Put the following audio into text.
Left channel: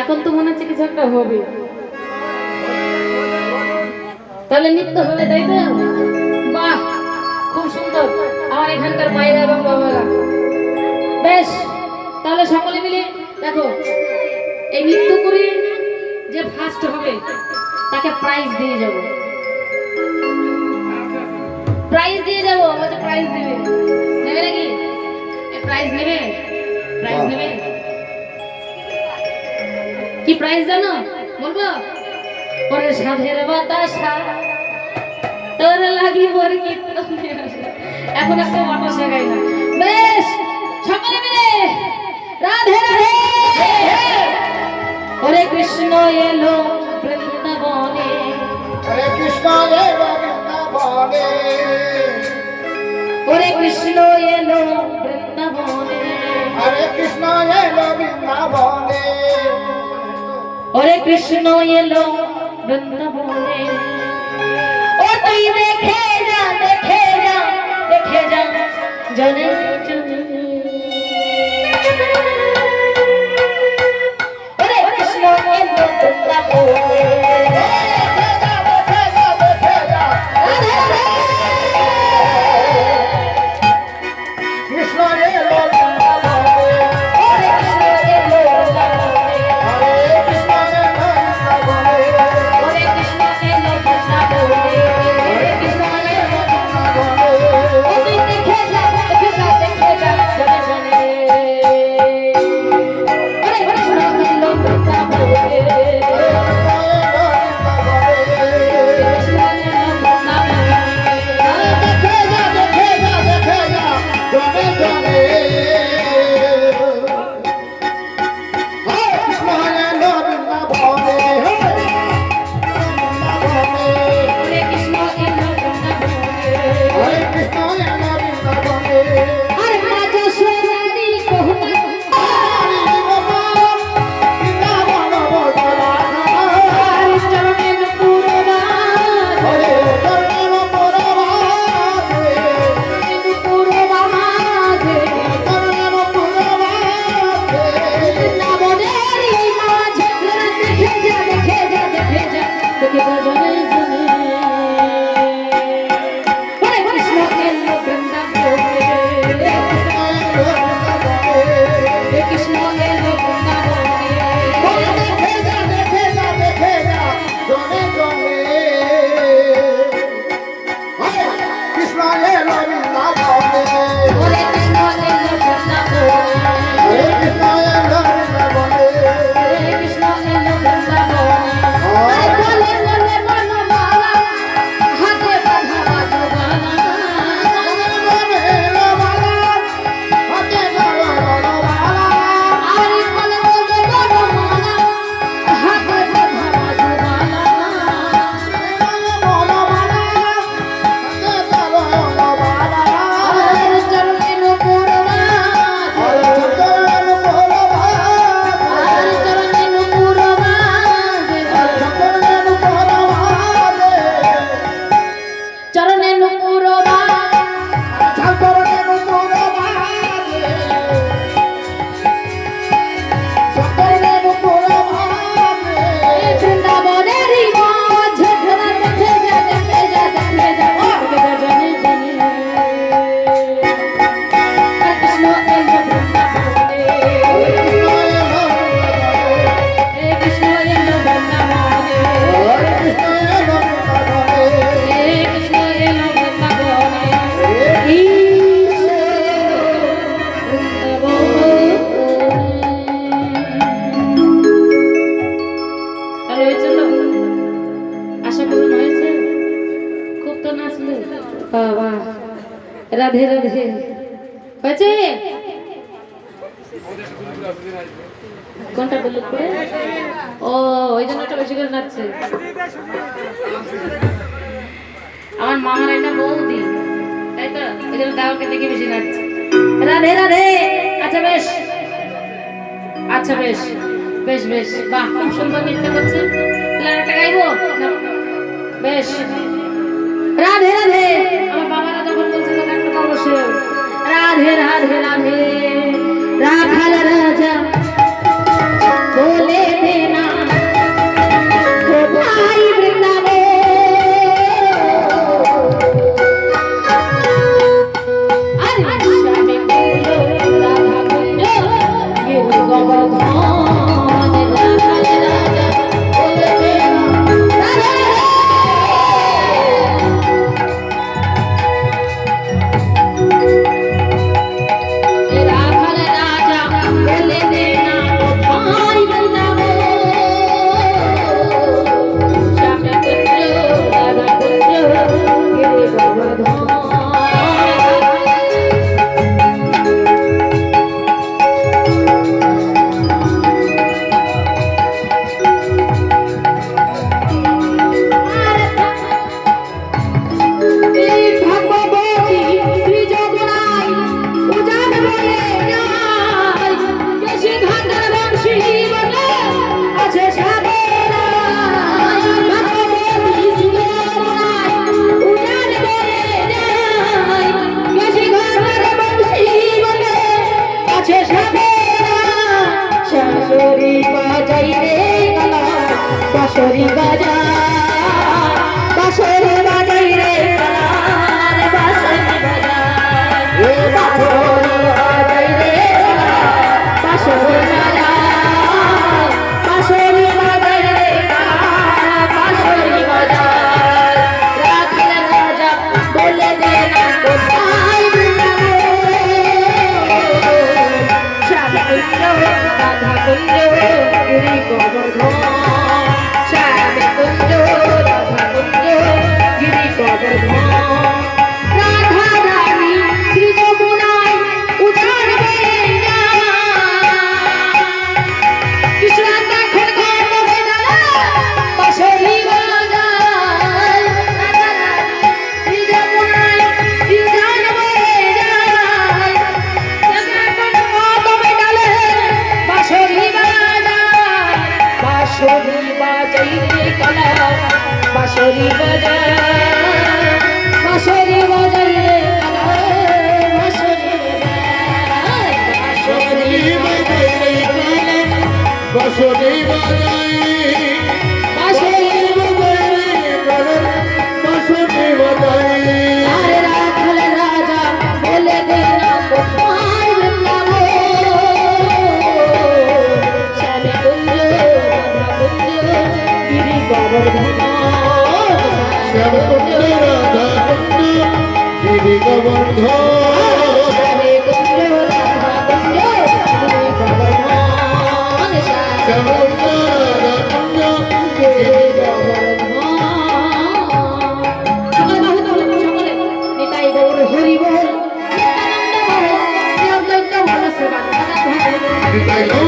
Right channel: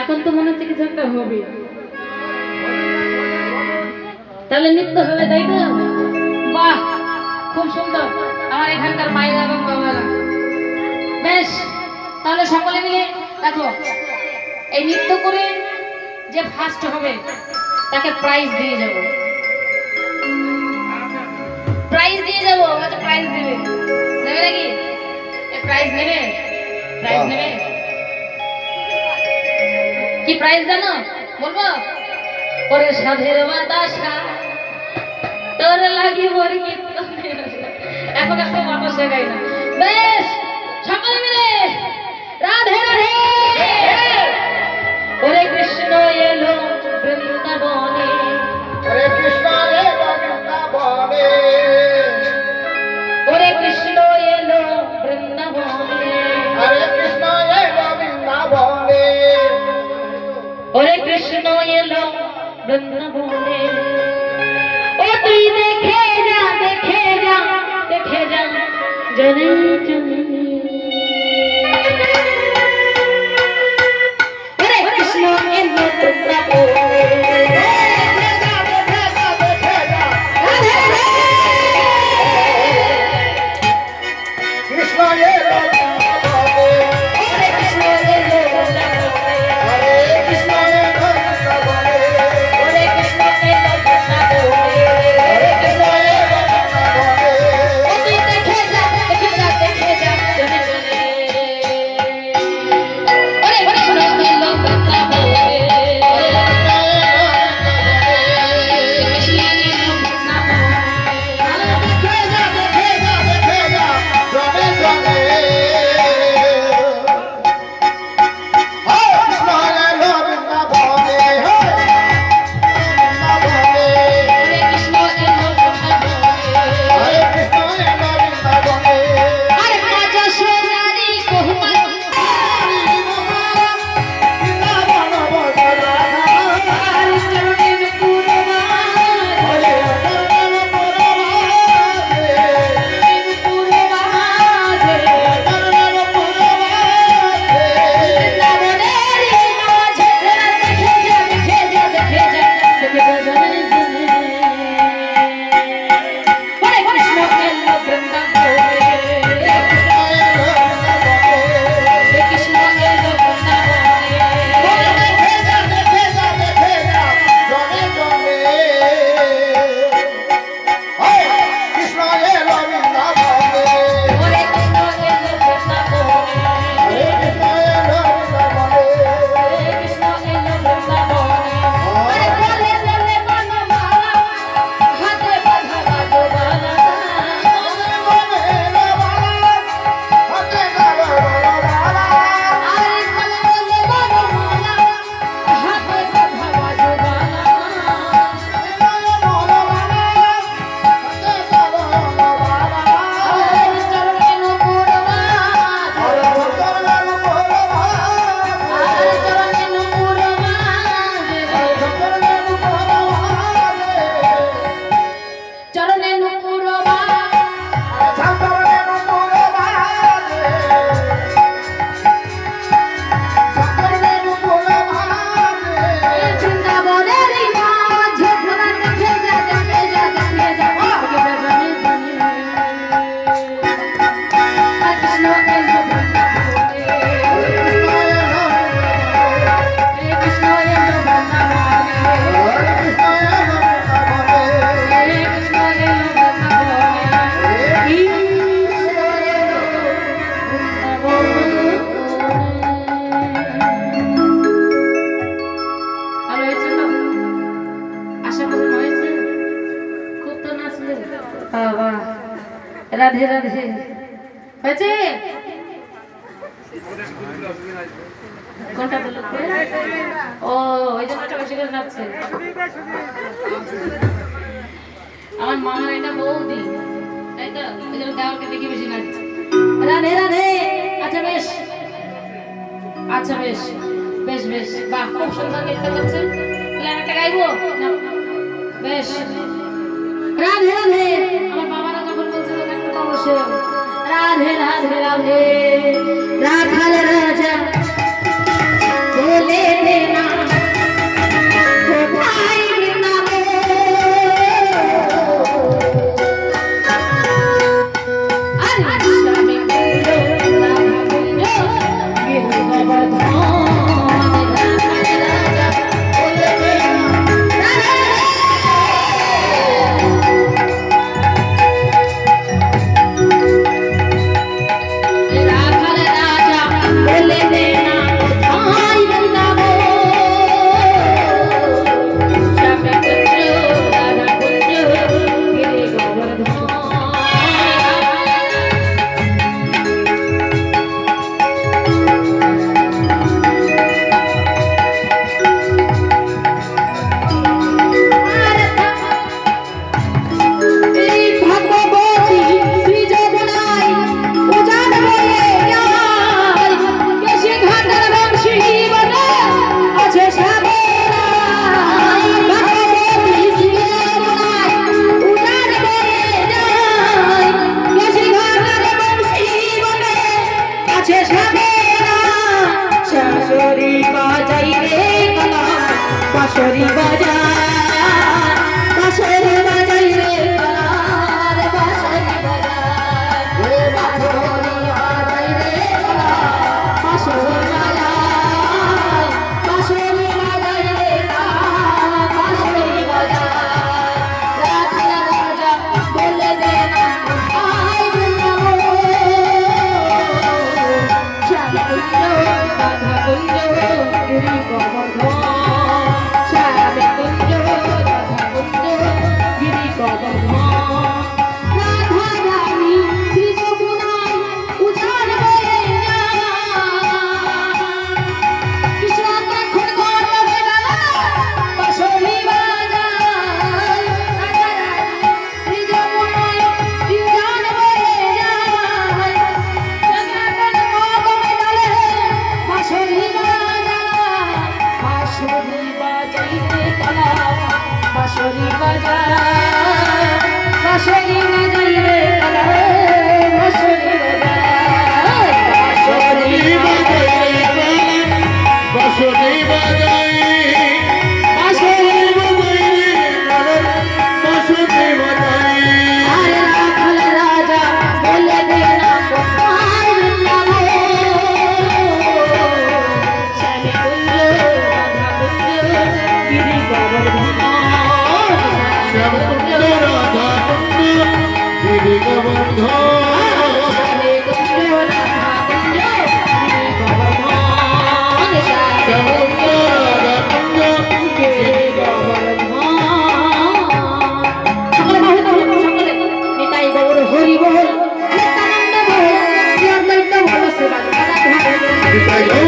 এখন তো মনে হচ্ছে কিছু একটা হবে, তাহলে নৃত্য হবে, তাই তো? বাহ, খুব সুন্দর আমার এখানকার বাইরে এবং বাবারা। বেশ, তাহলে সকলে মিলে দেখো, এই নৃত্য করে যে ফার্স্ট হবে তাকে প্রাইজ দিয়ে যাব, প্রাইজ দিয়ে যাব। আচ্ছা, প্রাইজ দেবে, নেবে নাকি? প্রাইজ নেবে, প্রাইজ নেবে। কি প্রাইজ জানো? বলবো? ওরে সাধের বাতাসা তোর লাগি বড় কীর্তন, এখন একটু বাতাসা গাই না। বেশ, সকলে মিলে রাধে রাধে। ওরে কৃষ্ণ এলো বৃন্দাবনে, হরে কৃষ্ণ এলো বৃন্দাবনে, ওরে কৃষ্ণ এলো বৃন্দাবনে, হরে কৃষ্ণ এলো বৃন্দাবনে, ওরে কৃষ্ণ এলো বৃন্দাবনে। ও তুই দেখে যা, দেখে যা, দেখে যা জনে জনে। ওরে কৃষ্ণ এলো বৃন্দাবনে, কৃষ্ণ এলো বৃন্দাবনে, ওরে কৃষ্ণ এলো বৃন্দাবনে, হরে কৃষ্ণ এলো বৃন্দাবনে, ওরে কৃষ্ণ এলো বৃন্দাবনে, হরে কৃষ্ণ এলো বৃন্দাবনে, ও তুই দেখে যা, দেখে যা, দেখে যা জনে জনে। ওরে কৃষ্ণ এলো বৃন্দাবনে, রাধে রাধে হয়েছে। কোনটা বললো? ও, ওই জন্য একটা বেশি করে নাচছে। আমার মামার একটা বৌদি, তাই তো, ওই জন্য দেওয়ারকে দেখে বেশি নাচছে। রাধে রাধে। আচ্ছা বেশ, আচ্ছা বেশ বেশ বেশ, বাহ, খুব সুন্দর নৃত্য করছে। একটা গাইবো না? বেশ, রাধে রাধে। আমার বাবারা যখন বলছিল একটা অবশ্যই রাধে রাধে রাধে, রাখাল রাজা বলে বাঁশরি বাজায় বাঁশরি বাজাই রে কানার বাঁশরি বাজায় বাঁশরি বাজাই রে বাঁশরি বাজায় বাঁশরি বাজাই রে কানার বাঁশরি বাজায় রাখাল রাজা বলে দে কোথায় শ্যাম কুঞ্জ রাধা কুঞ্জ গিরি গোবর্ধন শ্যাম কুঞ্জ রাধা কুঞ্জ গিরি গোবর্ধন রাধা রানী শ্রী যমুনায় উজাড় বেড়ে কৃষ্ণ দেখো ঘর বেদানা বাঁশরি বাজায় রাধা রানী শ্রী যমুনায় উজাড় বেড়ে বাঁশরি বাজাই রে কালা বাঁশরি বাজায় বাঁশরি বাজাই রে কালা বাঁশরি বাজায় বাঁশরি বাজাই রে বাঁশরি বাজাই বাঁশরি বাজাই রে কালা বাঁশরি বাজাই আরে রাখাল রাজা বলে দে না কোথায় বৃন্দাবন শ্যামে কুঞ্জ রাধা কুঞ্জ গিরি গোবর্ধন শ্যাম কুঞ্জ রাধা কুঞ্জ গিরি গোবর্ধন শ্যামে কুঞ্জ রাধা কুঞ্জ গিরি গোবর্ধন শ্যাম কুঞ্জ রাধা কুঞ্জ গিরি গোবর্ধন সকলে বাহু তোলো সকলে নিতাই গৌর হরি বল নিত্যানন্দ বল শ্রী অদ্বৈত বল শ্রী রাধা নিতাই গৌর